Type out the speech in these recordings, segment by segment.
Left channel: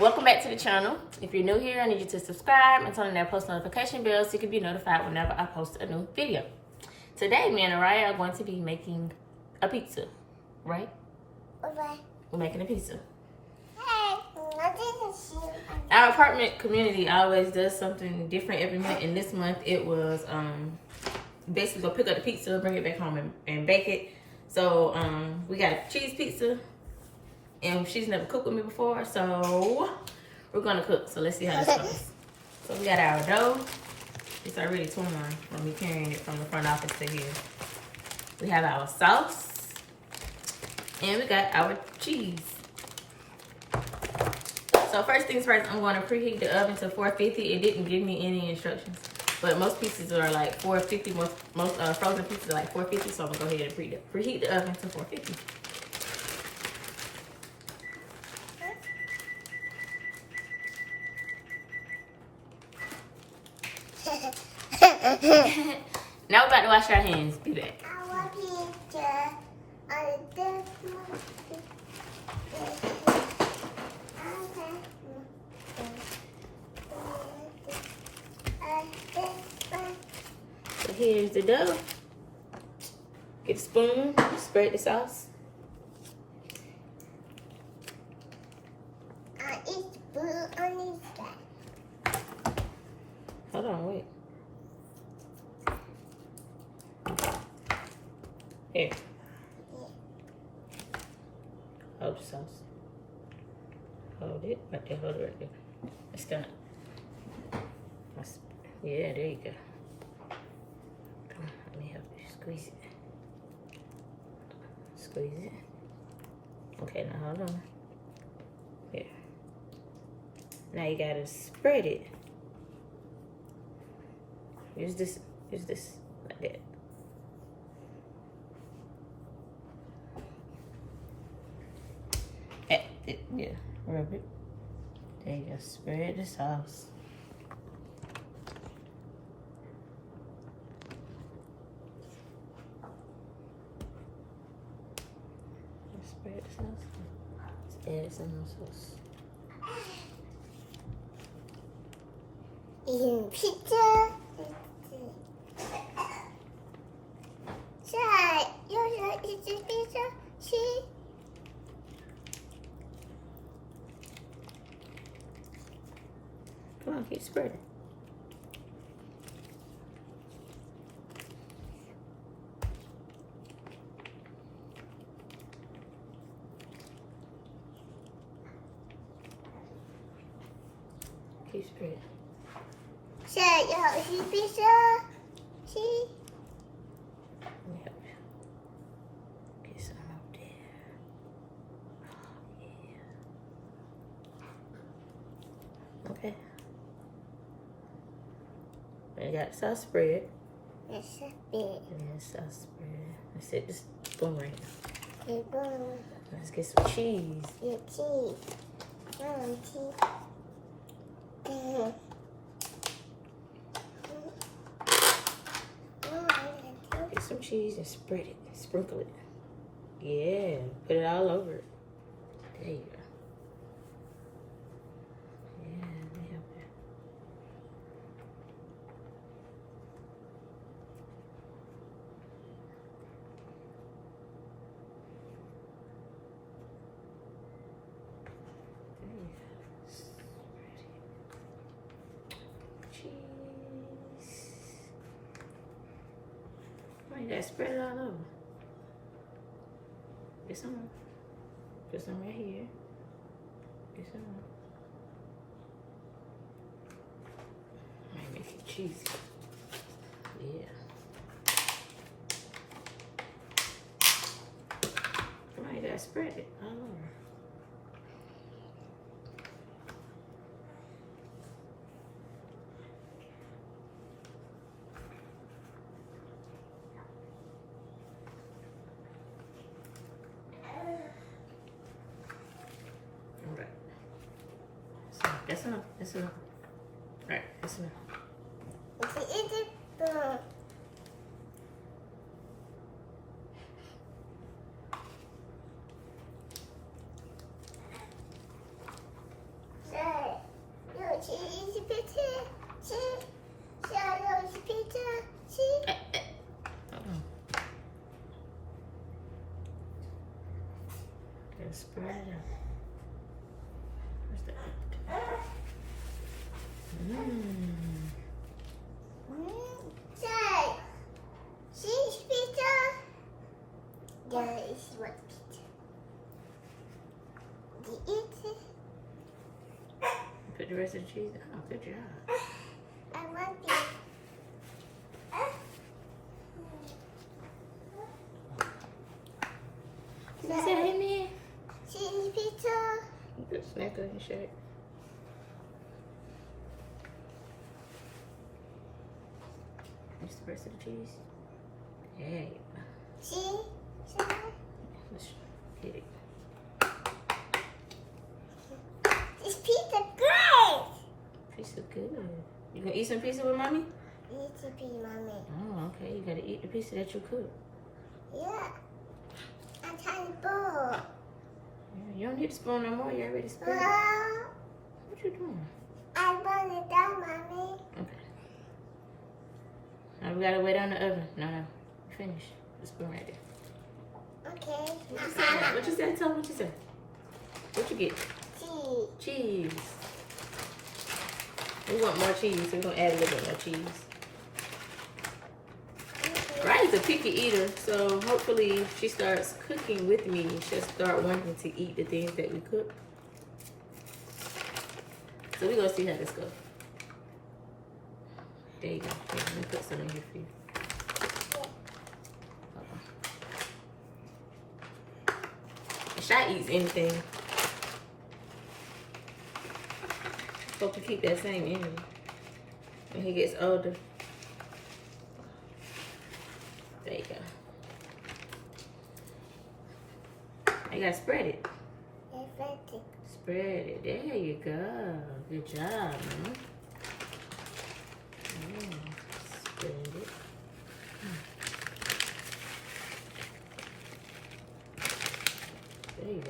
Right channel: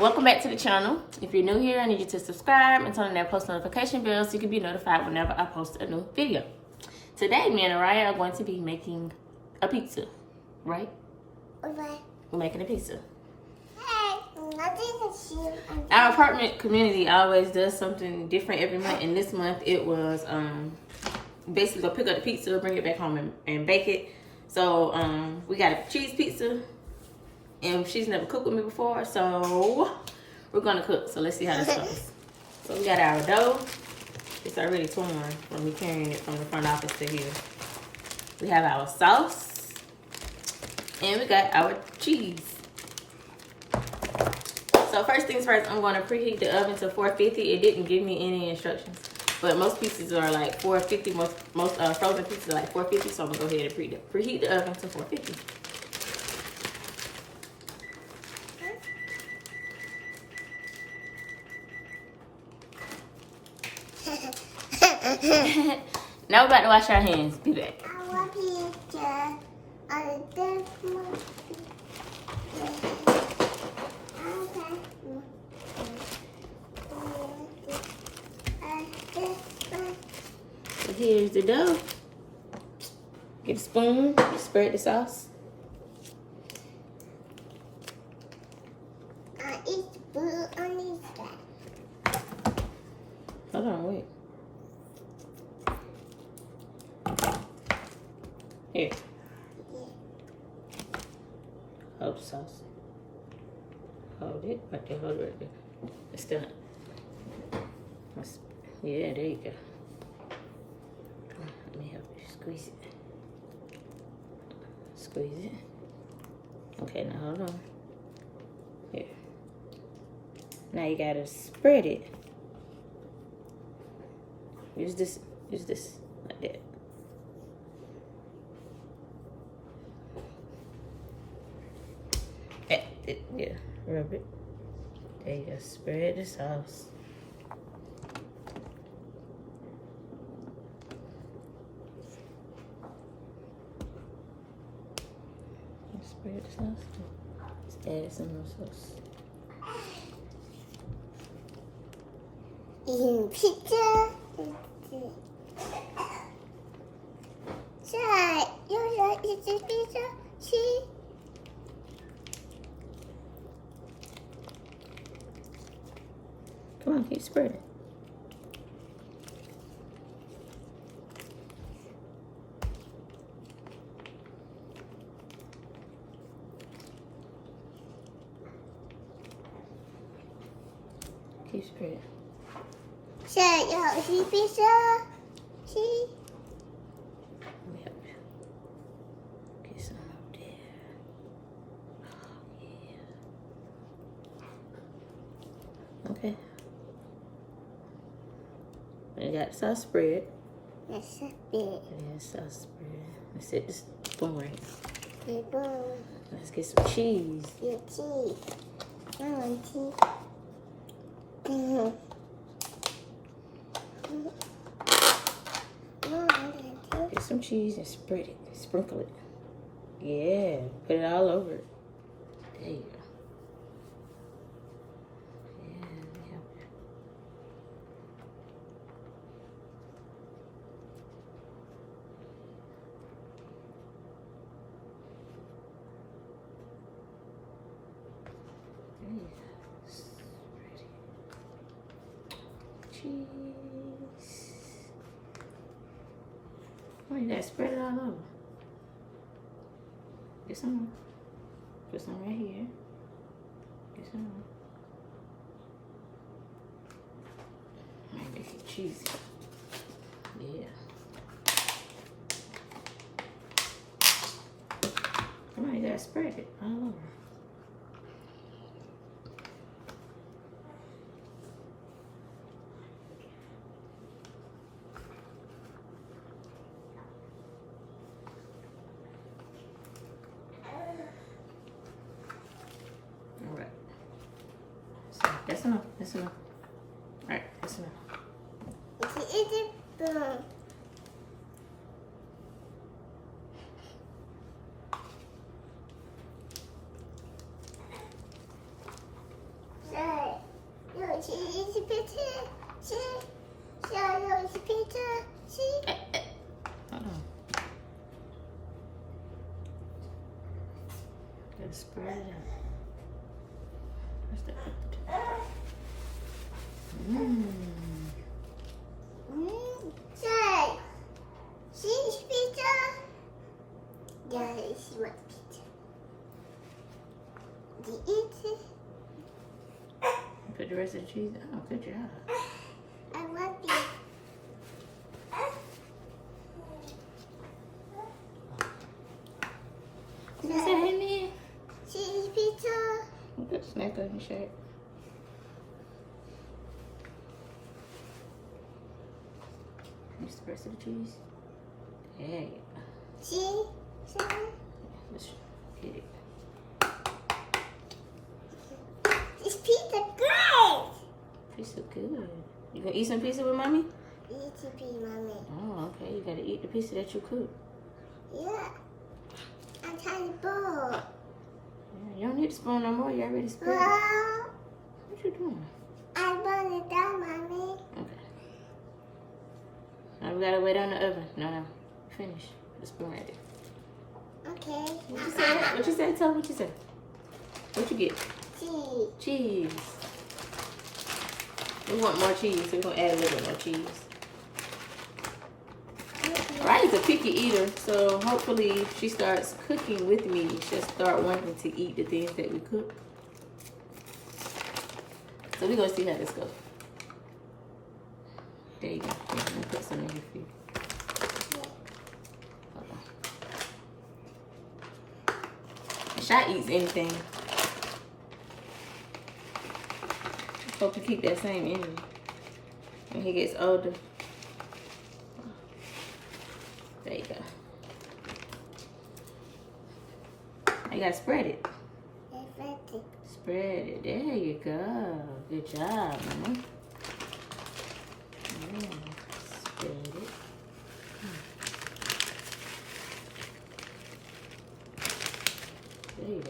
Welcome back to the channel. If you're new here, I need you to subscribe and turn on that post notification bell so you can be notified whenever I post a new video. Today, me and Araya are going to be making a pizza, right? Okay. We're making a pizza. Hey, nothing to Our apartment community always does something different every month, and this month it was basically go pick up the pizza, bring it back home and bake it. So we got a cheese pizza, and she's never cooked with me before, so we're gonna cook. So let's see how this goes. So we got our dough. It's already torn from me carrying it from the front office to here. We have our sauce, and we got our cheese. So first things first, I'm going to preheat the oven to 450. It didn't give me any instructions, but most pizzas are like 450. Most frozen pizzas are like 450. So I'm gonna go ahead and preheat the oven to 450. Now we're about to wash our hands. Be back. I want pizza on this one. So here's the dough. Get a spoon, spread the sauce. I eat spoon on this side. Hold on, wait. Here. Hold the sauce. Hold it right there, hold it right there. It's gonna. Yeah, there you go. Come on, let me help you squeeze it. Squeeze it. Okay, now hold on. Here. Now you gotta spread it. Use this, like that. Yeah, rub it. There you go, spread the sauce. Spread the sauce. Just add some more sauce. Eating pizza. Sir, you like eat this pizza? See? Come on, keep spreading. Keep spreading. Sir, you like eat pizza? See? Let me help you. Get some up there. Oh, yeah. Okay. You got the sauce spread. That's a bit. Yeah, sauce spread. Let's set this spoon right here. Big one. Let's get some cheese. Your cheese. I want cheese. Get some cheese and spread it. Sprinkle it. Yeah. Put it all over it. There you go. Yeah, yeah. Cheese. Oh, you gotta spread it all over. Get some more. Put some right here. Get some more. Might make it cheesy. Yeah. Come on, you gotta spread it all over. That's enough. That's enough. All right, that's enough. Eat it. Cheese pizza. See? Cheese pizza. See? Let's spread it out. Say, cheese pizza. Yeah, it's what pizza. Do you eat it? Put the rest of the cheese on. Good job. I want it. Is that in there? Cheese pizza. Put a snack on your shirt. Mix the rest of the cheese. There you go. Cheese. Let's get it. This pizza great. Pizza good. You gonna eat some pizza with mommy? Eat to be mommy. Oh, okay. You gotta eat the pizza that you cook. Yeah. I'm trying to bowl. Yeah, you don't need to spoon no more. You already spooned. Well, What you doing? I want it down, mommy. Okay. Now we gotta wait on the oven. No. Finish. The spoon right there. Okay. What you say? Tell me what you say. What you get? Cheese. Cheese. We want more cheese, so we're gonna add a little bit more cheese. Riley's a picky eater, so hopefully if she starts cooking with me, she'll start wanting to eat the things that we cook. So we're gonna see how this goes. There you go. Yeah, let me put some in here for you. Hold on. Shy eats anything. Hope to keep that same energy when he gets older. There you go. You gotta spread it. Spread it. There you go. Good job, Mama. Yeah. Spread it. There you go.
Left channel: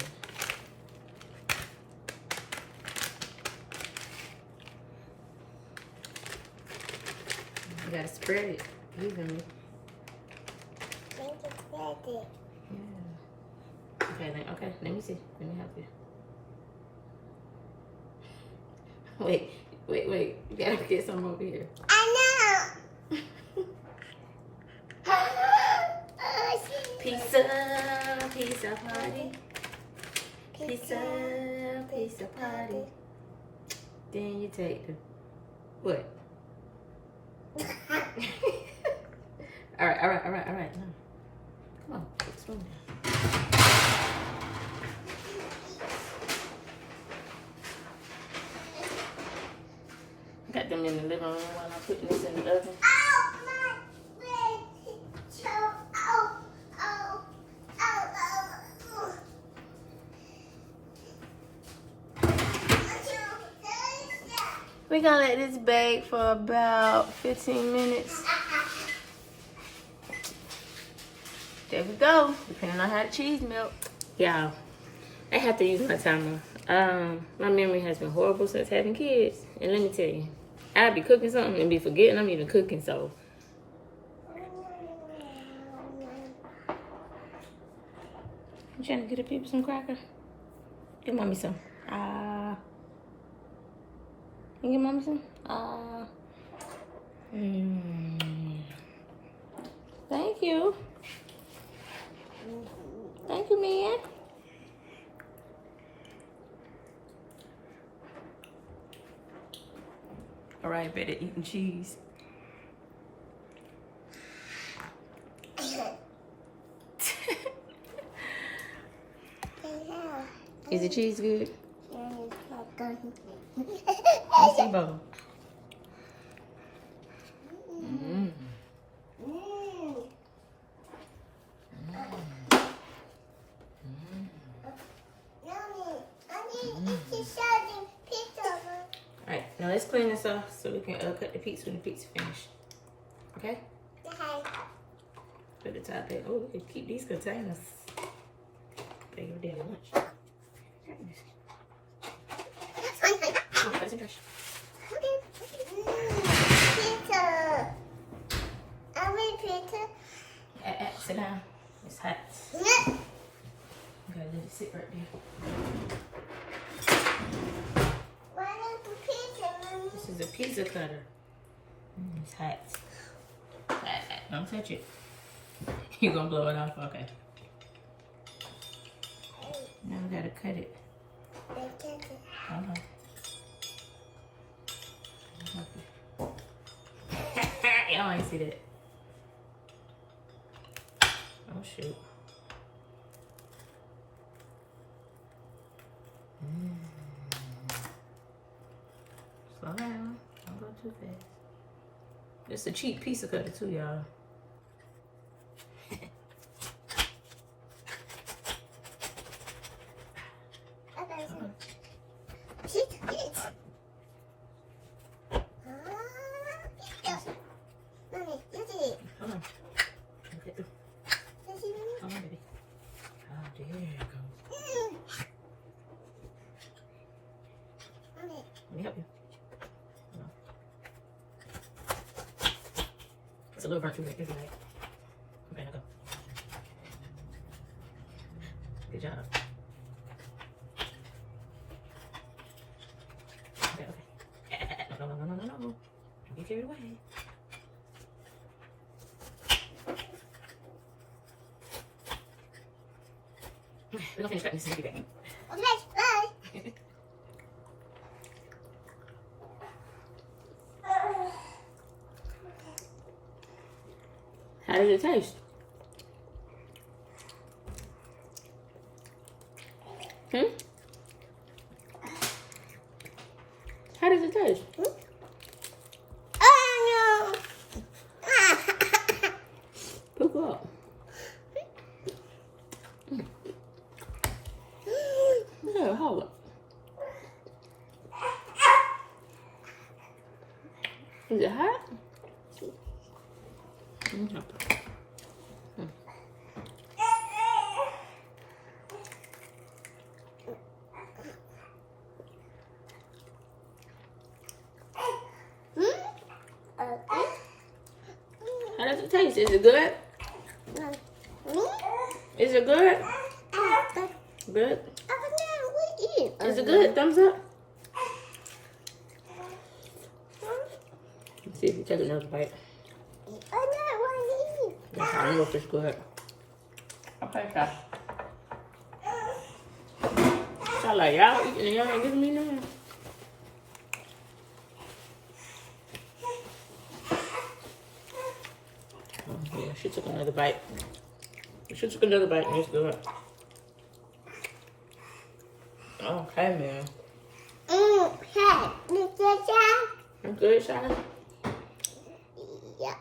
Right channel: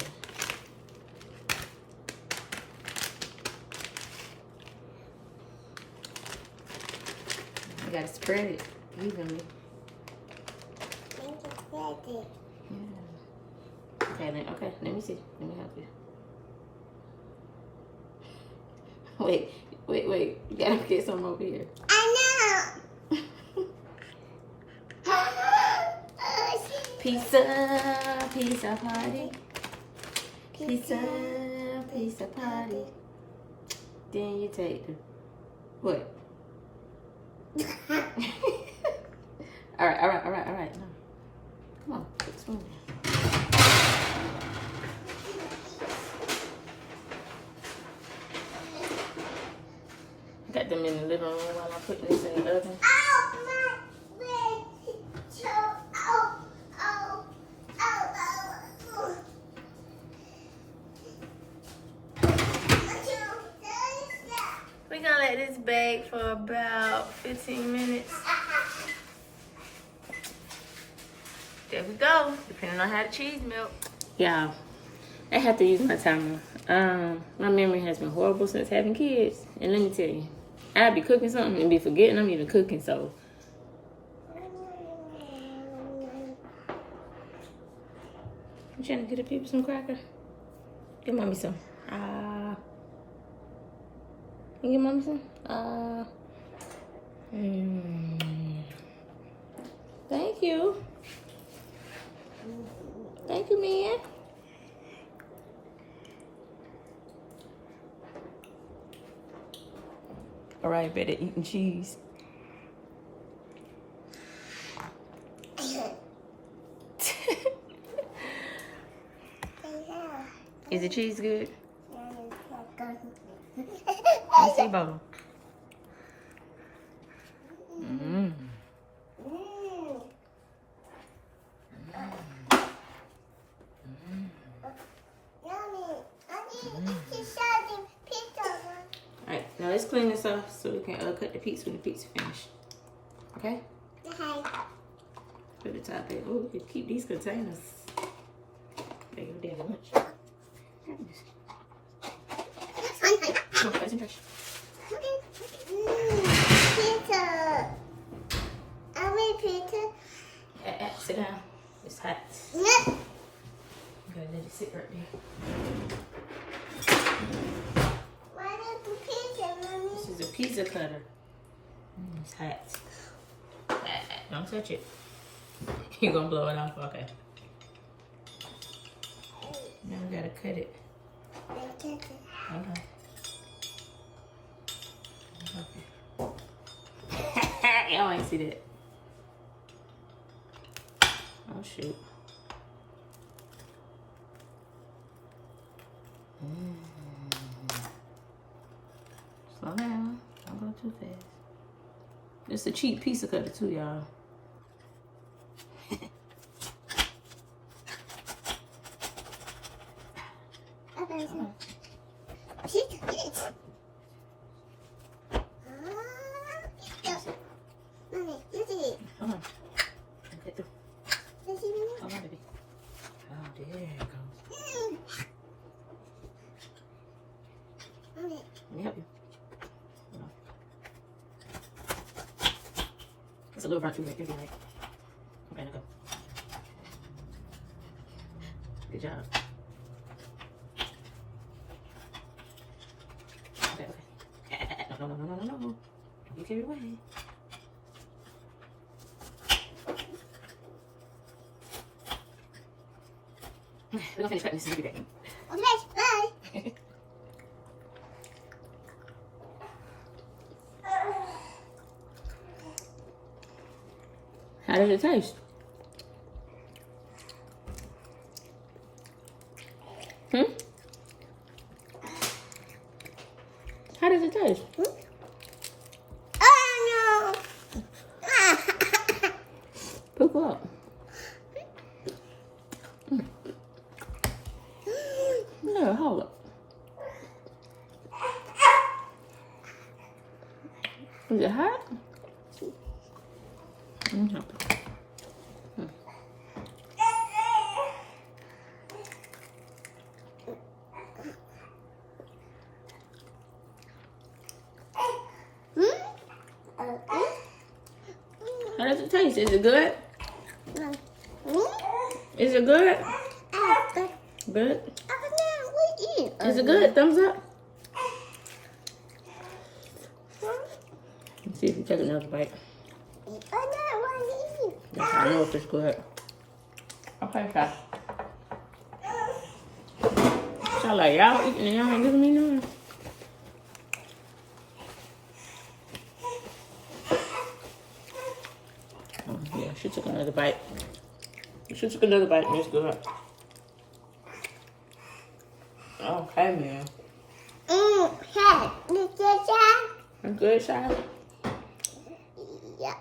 You gotta spread it evenly. Yeah. Okay, let me see. Let me help you. Wait. You gotta get some over here. I know. Pizza party. Pizza party. Then you take the what? All right. Come on, put the spoon down. Got them in the living room while I'm putting this in the oven. We're gonna let this bake for about 15 minutes. There we go, depending on how the cheese melts. Y'all, I have to use my timer. My memory has been horrible since having kids. And let me tell you, I'd be cooking something and be forgetting I'm even cooking, so. You trying to get the people some cracker? Give mommy some. You give mommy some? Thank you. Thank you, man. All right, better eating cheese. Is the cheese good? Let's see, Bo. Alright, now let's clean this off so we can cut the pizza when the pizza finish. Okay? Okay. Put the top there. Oh, we can keep these containers. There you go, there, lunch. Come on, get some trash. Pizza. I want pizza. Sit down. It's hot. No. Okay, let it sit right there. Why not the pizza, Mommy? This is a pizza cutter. It's hot. Don't touch it. You're gonna blow it off. Okay. Now we gotta cut it. Hold on. Okay. Y'all wanna see that? Oh shoot. Slow down. Don't go too fast. It's a cheap pizza cutter too, y'all. Mommy, look at it. Hold on. Get through. You see, Mommy? Come on, baby. Oh, there it goes. Mommy. Let me help you. Hold on. It's a little rough. Right there, right? Okay, now go. Good job. Okay, okay. No. Don't get carried away. We're gonna finish cutting this and we'll be back. Okay, bye. How does it taste? How does it taste? Oh, no. Poop up. Yeah, hold up. Is it hot? How does it taste? Is it good? Is it good? Good? Is it good? Thumbs up? Let's see if you take another bite. That's how I know if it's good. Okay, fine. So like y'all eating and y'all ain't giving me none. Oh, yeah, she took another bite. She took another bite and it's good. Okay, man. I'm good, Shia. Yeah.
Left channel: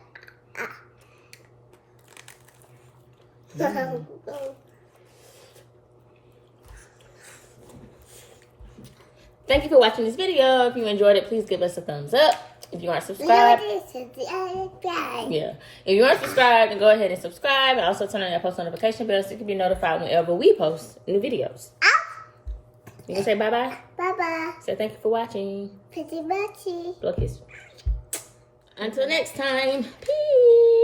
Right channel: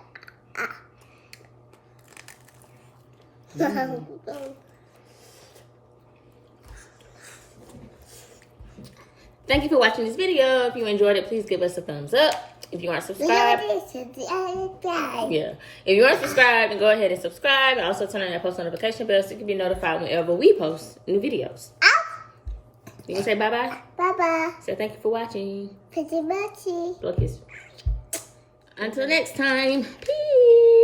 Thank you for watching this video. If you enjoyed it, please give us a thumbs up. If you aren't subscribed, yeah. If you aren't subscribed, then go ahead and subscribe. And also turn on your post notification bell so you can be notified whenever we post new videos. You can say bye-bye? Bye-bye. Say thank you for watching. 'Blow a kiss. Pretty muchy. Until next time. Peace. Until next time. Peace.